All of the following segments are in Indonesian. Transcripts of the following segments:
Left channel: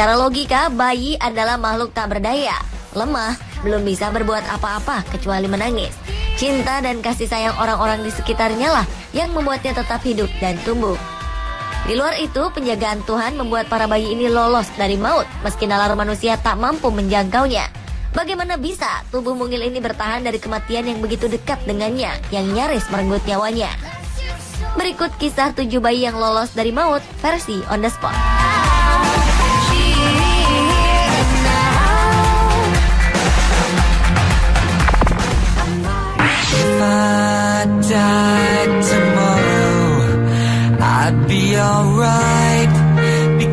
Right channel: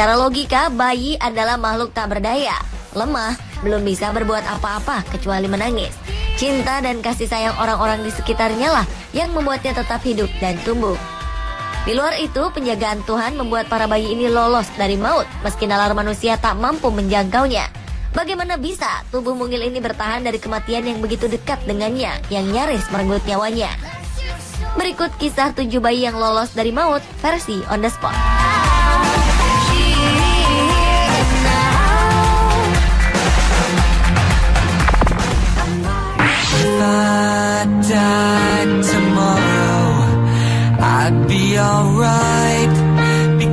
Secara logika, bayi adalah makhluk tak berdaya, lemah, belum bisa berbuat apa-apa kecuali menangis. Cinta dan kasih sayang orang-orang di sekitarnya lah yang membuatnya tetap hidup dan tumbuh. Di luar itu, penjagaan Tuhan membuat para bayi ini lolos dari maut, meski nalar manusia tak mampu menjangkaunya. Bagaimana bisa tubuh mungil ini bertahan dari kematian yang begitu dekat dengannya, yang nyaris merenggut nyawanya? Berikut kisah 7 bayi yang lolos dari maut, versi On The Spot.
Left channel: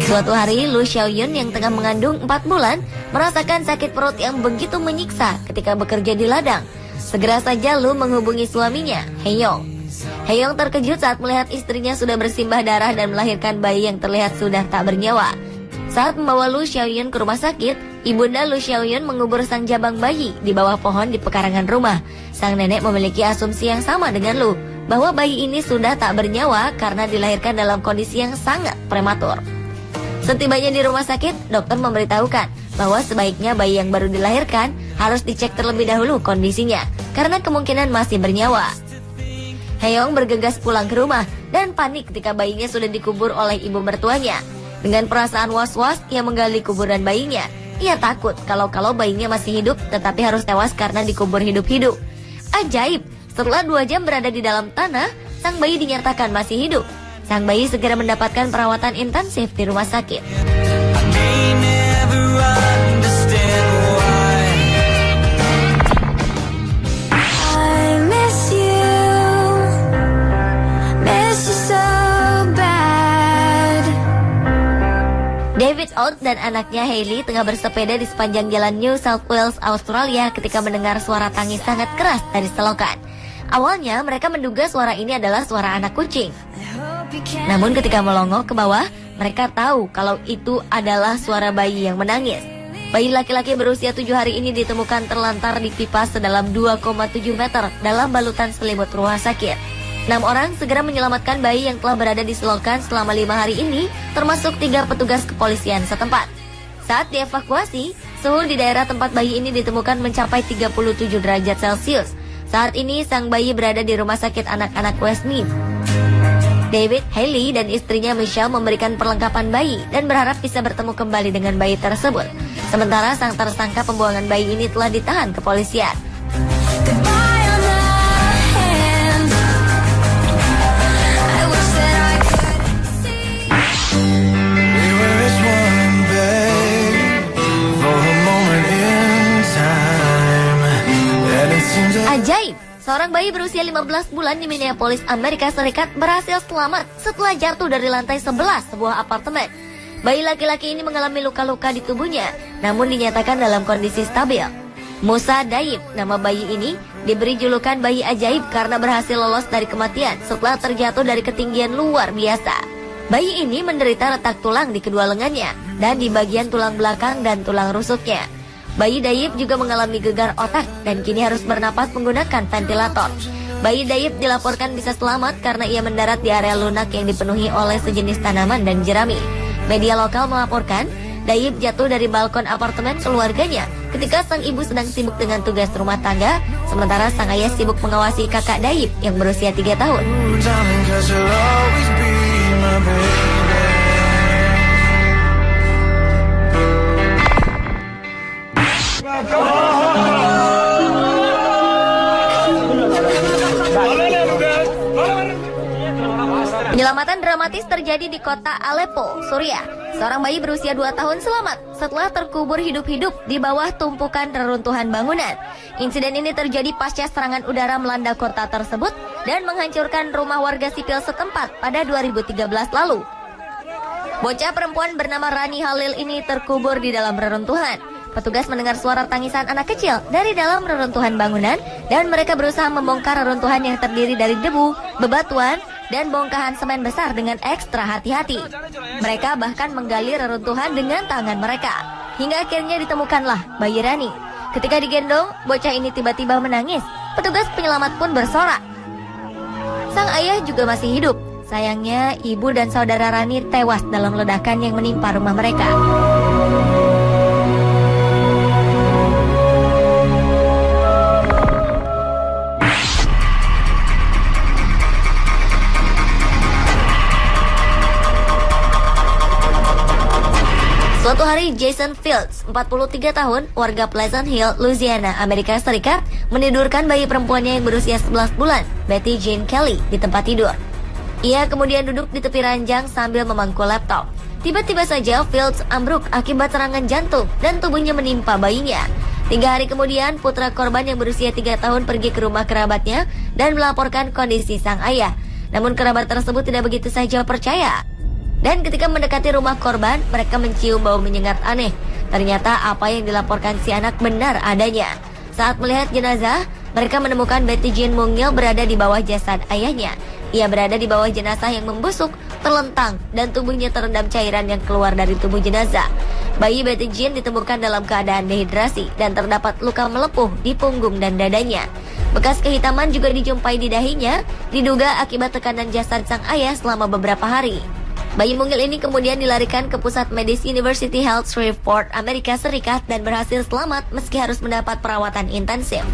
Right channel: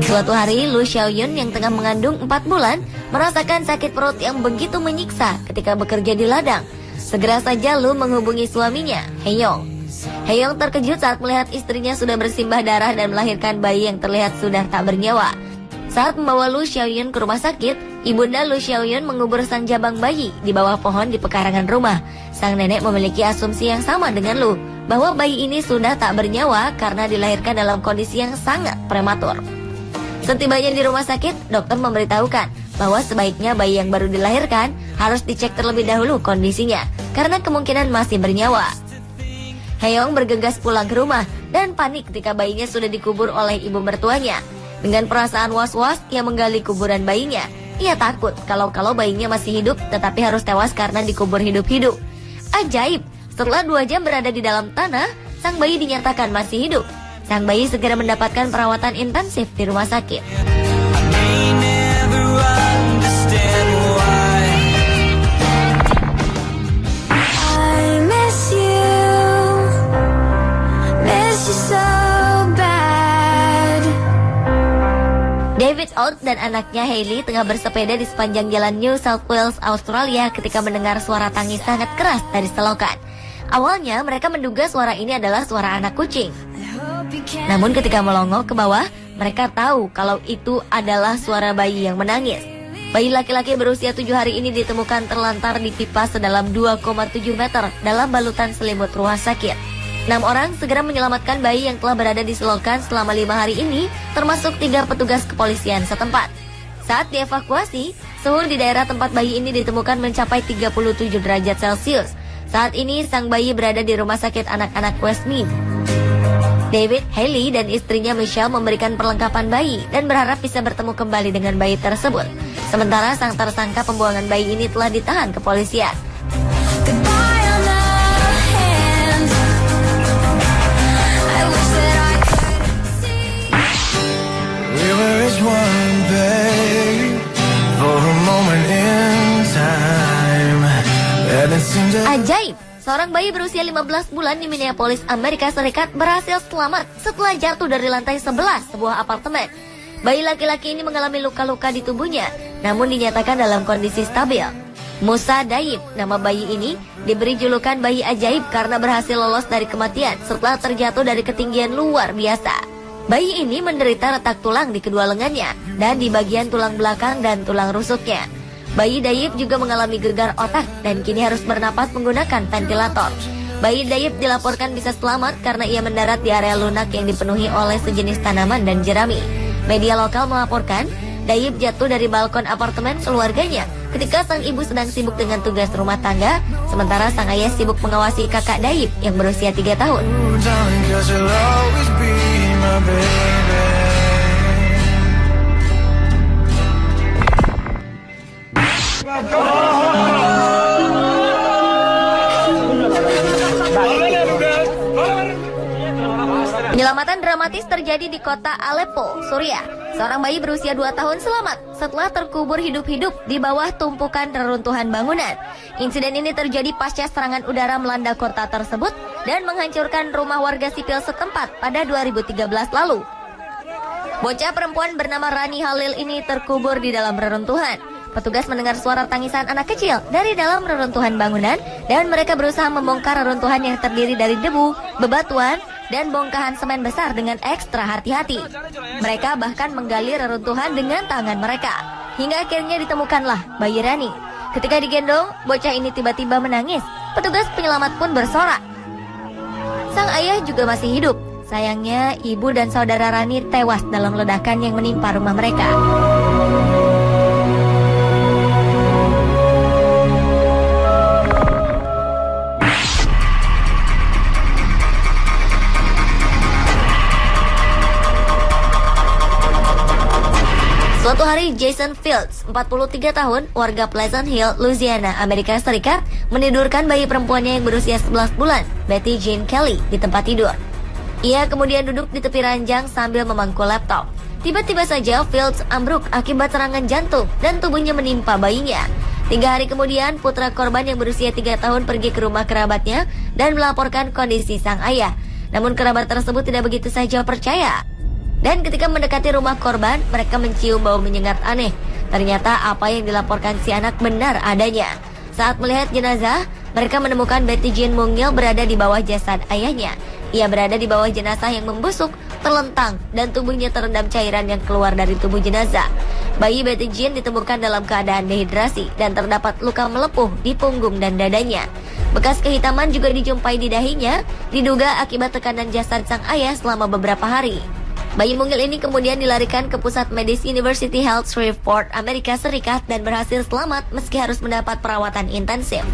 Suatu hari, Lu Xiaoyun yang tengah mengandung 4 bulan merasakan sakit perut yang begitu menyiksa ketika bekerja di ladang. Segera saja Lu menghubungi suaminya, Heyong. Heyong terkejut saat melihat istrinya sudah bersimbah darah dan melahirkan bayi yang terlihat sudah tak bernyawa. Saat membawa Lu Xiaoyun ke rumah sakit, ibunda Lu Xiaoyun mengubur sang jabang bayi di bawah pohon di pekarangan rumah. Sang nenek memiliki asumsi yang sama dengan Lu, bahwa bayi ini sudah tak bernyawa karena dilahirkan dalam kondisi yang sangat prematur. Setibanya di rumah sakit, dokter memberitahukan bahwa sebaiknya bayi yang baru dilahirkan harus dicek terlebih dahulu kondisinya, karena kemungkinan masih bernyawa. Heyong bergegas pulang ke rumah dan panik ketika bayinya sudah dikubur oleh ibu mertuanya. Dengan perasaan was-was, ia menggali kuburan bayinya. Ia takut kalau bayinya masih hidup tetapi harus tewas karena dikubur hidup-hidup. Ajaib, setelah 2 jam berada di dalam tanah, sang bayi dinyatakan masih hidup. Sang bayi segera mendapatkan perawatan intensif di rumah sakit. David Out dan anaknya Hailey tengah bersepeda di sepanjang jalan New South Wales, Australia ketika mendengar suara tangis sangat keras dari selokan. Awalnya mereka menduga suara ini adalah suara anak kucing. Namun ketika melongok ke bawah, mereka tahu kalau itu adalah suara bayi yang menangis. Bayi laki-laki berusia 7 hari ini ditemukan terlantar di pipa sedalam 2,7 meter dalam balutan selimut rumah sakit. 6 orang segera menyelamatkan bayi yang telah berada di selokan selama 5 hari ini, termasuk 3 petugas kepolisian setempat. Saat dievakuasi, suhu di daerah tempat bayi ini ditemukan mencapai 37 derajat Celcius. Saat ini sang bayi berada di rumah sakit anak-anak Westmead. David, Hailey, dan istrinya Michelle memberikan perlengkapan bayi dan berharap bisa bertemu kembali dengan bayi tersebut. Sementara sang tersangka pembuangan bayi ini telah ditahan kepolisian. Ajaib! Seorang bayi berusia 15 bulan di Minneapolis, Amerika Serikat berhasil selamat setelah jatuh dari lantai 11 sebuah apartemen. Bayi laki-laki ini mengalami luka-luka di tubuhnya, namun dinyatakan dalam kondisi stabil. Musa Daib, nama bayi ini, diberi julukan bayi ajaib karena berhasil lolos dari kematian setelah terjatuh dari ketinggian luar biasa. Bayi ini menderita retak tulang di kedua lengannya dan di bagian tulang belakang dan tulang rusuknya. Bayi Daib juga mengalami gegar otak dan kini harus bernapas menggunakan ventilator. Bayi Daib dilaporkan bisa selamat karena ia mendarat di area lunak yang dipenuhi oleh sejenis tanaman dan jerami. Media lokal melaporkan Daib jatuh dari balkon apartemen keluarganya ketika sang ibu sedang sibuk dengan tugas rumah tangga, sementara sang ayah sibuk mengawasi kakak Daib yang berusia 3 tahun. Penyelamatan dramatis terjadi di kota Aleppo, Suriah. Seorang bayi berusia 2 tahun selamat setelah terkubur hidup-hidup di bawah tumpukan reruntuhan bangunan. Insiden ini terjadi pasca serangan udara melanda kota tersebut dan menghancurkan rumah warga sipil setempat pada 2013 lalu. Bocah perempuan bernama Rani Halil ini terkubur di dalam reruntuhan. Petugas mendengar suara tangisan anak kecil dari dalam reruntuhan bangunan dan mereka berusaha membongkar reruntuhan yang terdiri dari debu, bebatuan, dan bongkahan semen besar dengan ekstra hati-hati. Mereka bahkan menggali reruntuhan dengan tangan mereka. Hingga akhirnya ditemukanlah bayi Rani. Ketika digendong, bocah ini tiba-tiba menangis. Petugas penyelamat pun bersorak. Sang ayah juga masih hidup. Sayangnya, ibu dan saudara Rani tewas dalam ledakan yang menimpa rumah mereka. Suatu hari, Jason Fields, 43 tahun, warga Pleasant Hill, Louisiana, Amerika Serikat, menidurkan bayi perempuannya yang berusia 11 bulan, Betty Jean Kelly, di tempat tidur. Ia kemudian duduk di tepi ranjang sambil memangku laptop. Tiba-tiba saja Fields ambruk akibat serangan jantung dan tubuhnya menimpa bayinya. 3 hari kemudian, putra korban yang berusia 3 tahun pergi ke rumah kerabatnya dan melaporkan kondisi sang ayah. Namun kerabat tersebut tidak begitu saja percaya. Dan ketika mendekati rumah korban, mereka mencium bau menyengat aneh. Ternyata apa yang dilaporkan si anak benar adanya. Saat melihat jenazah, mereka menemukan Betty Jean mungil berada di bawah jasad ayahnya. Ia berada di bawah jenazah yang membusuk, terlentang, dan tubuhnya terendam cairan yang keluar dari tubuh jenazah. Bayi Betty Jean ditemukan dalam keadaan dehidrasi dan terdapat luka melepuh di punggung dan dadanya. Bekas kehitaman juga dijumpai di dahinya, diduga akibat tekanan jasad sang ayah selama beberapa hari. Bayi mungil ini kemudian dilarikan ke pusat medis University Health Shreveport, Amerika Serikat dan berhasil selamat meski harus mendapat perawatan intensif.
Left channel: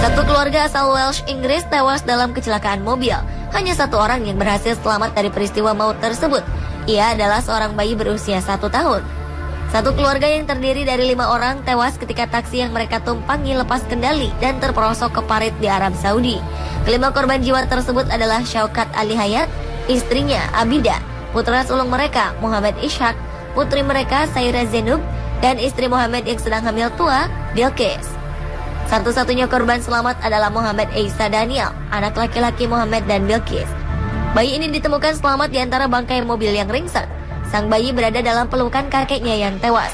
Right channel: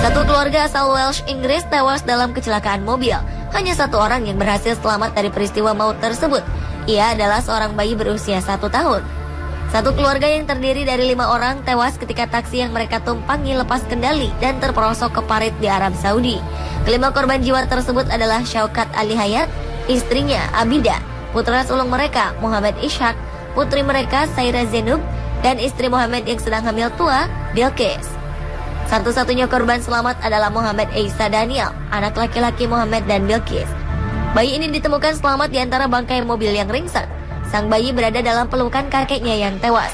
Satu keluarga asal Welsh, Inggris tewas dalam kecelakaan mobil. Hanya satu orang yang berhasil selamat dari peristiwa maut tersebut. Ia adalah seorang bayi berusia 1 tahun. Satu keluarga yang terdiri dari 5 orang tewas ketika taksi yang mereka tumpangi lepas kendali dan terperosok ke parit di Arab Saudi. Kelima korban jiwa tersebut adalah Syaukat Ali Hayat, istrinya Abida, putra sulung mereka Muhammad Ishak, putri mereka Saira Zenub, dan istri Muhammad yang sedang hamil tua, Bilqis. Satu-satunya korban selamat adalah Muhammad Isa Daniel, anak laki-laki Muhammad dan Bilqis. Bayi ini ditemukan selamat di antara bangkai mobil yang ringsek. Sang bayi berada dalam pelukan kakeknya yang tewas.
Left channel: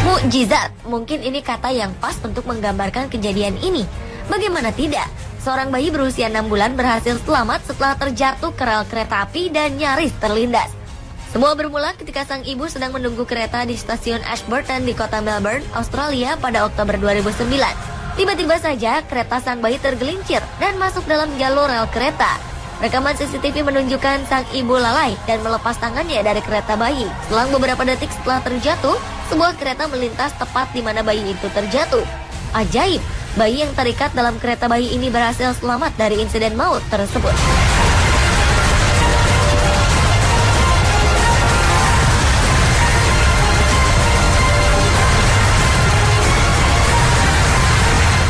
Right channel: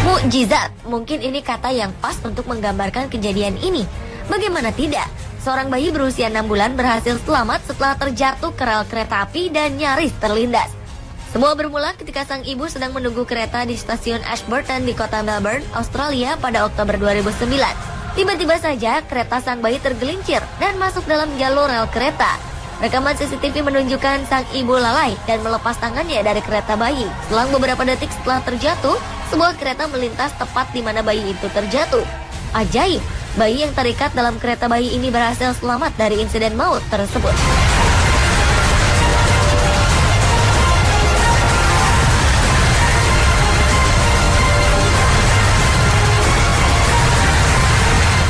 Mukjizat, mungkin ini kata yang pas untuk menggambarkan kejadian ini. Bagaimana tidak? Seorang bayi berusia 6 bulan berhasil selamat setelah terjatuh ke rel kereta api dan nyaris terlindas. Semua bermula ketika sang ibu sedang menunggu kereta di stasiun Ashburton di kota Melbourne, Australia pada Oktober 2009. Tiba-tiba saja kereta sang bayi tergelincir dan masuk dalam jalur rel kereta. Rekaman CCTV menunjukkan sang ibu lalai dan melepas tangannya dari kereta bayi. Selang beberapa detik setelah terjatuh, sebuah kereta melintas tepat di mana bayi itu terjatuh. Ajaib, bayi yang terikat dalam kereta bayi ini berhasil selamat dari insiden maut tersebut.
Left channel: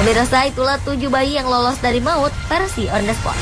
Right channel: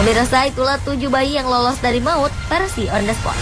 Pemirsa, itulah 7 bayi yang lolos dari maut versi on the spot.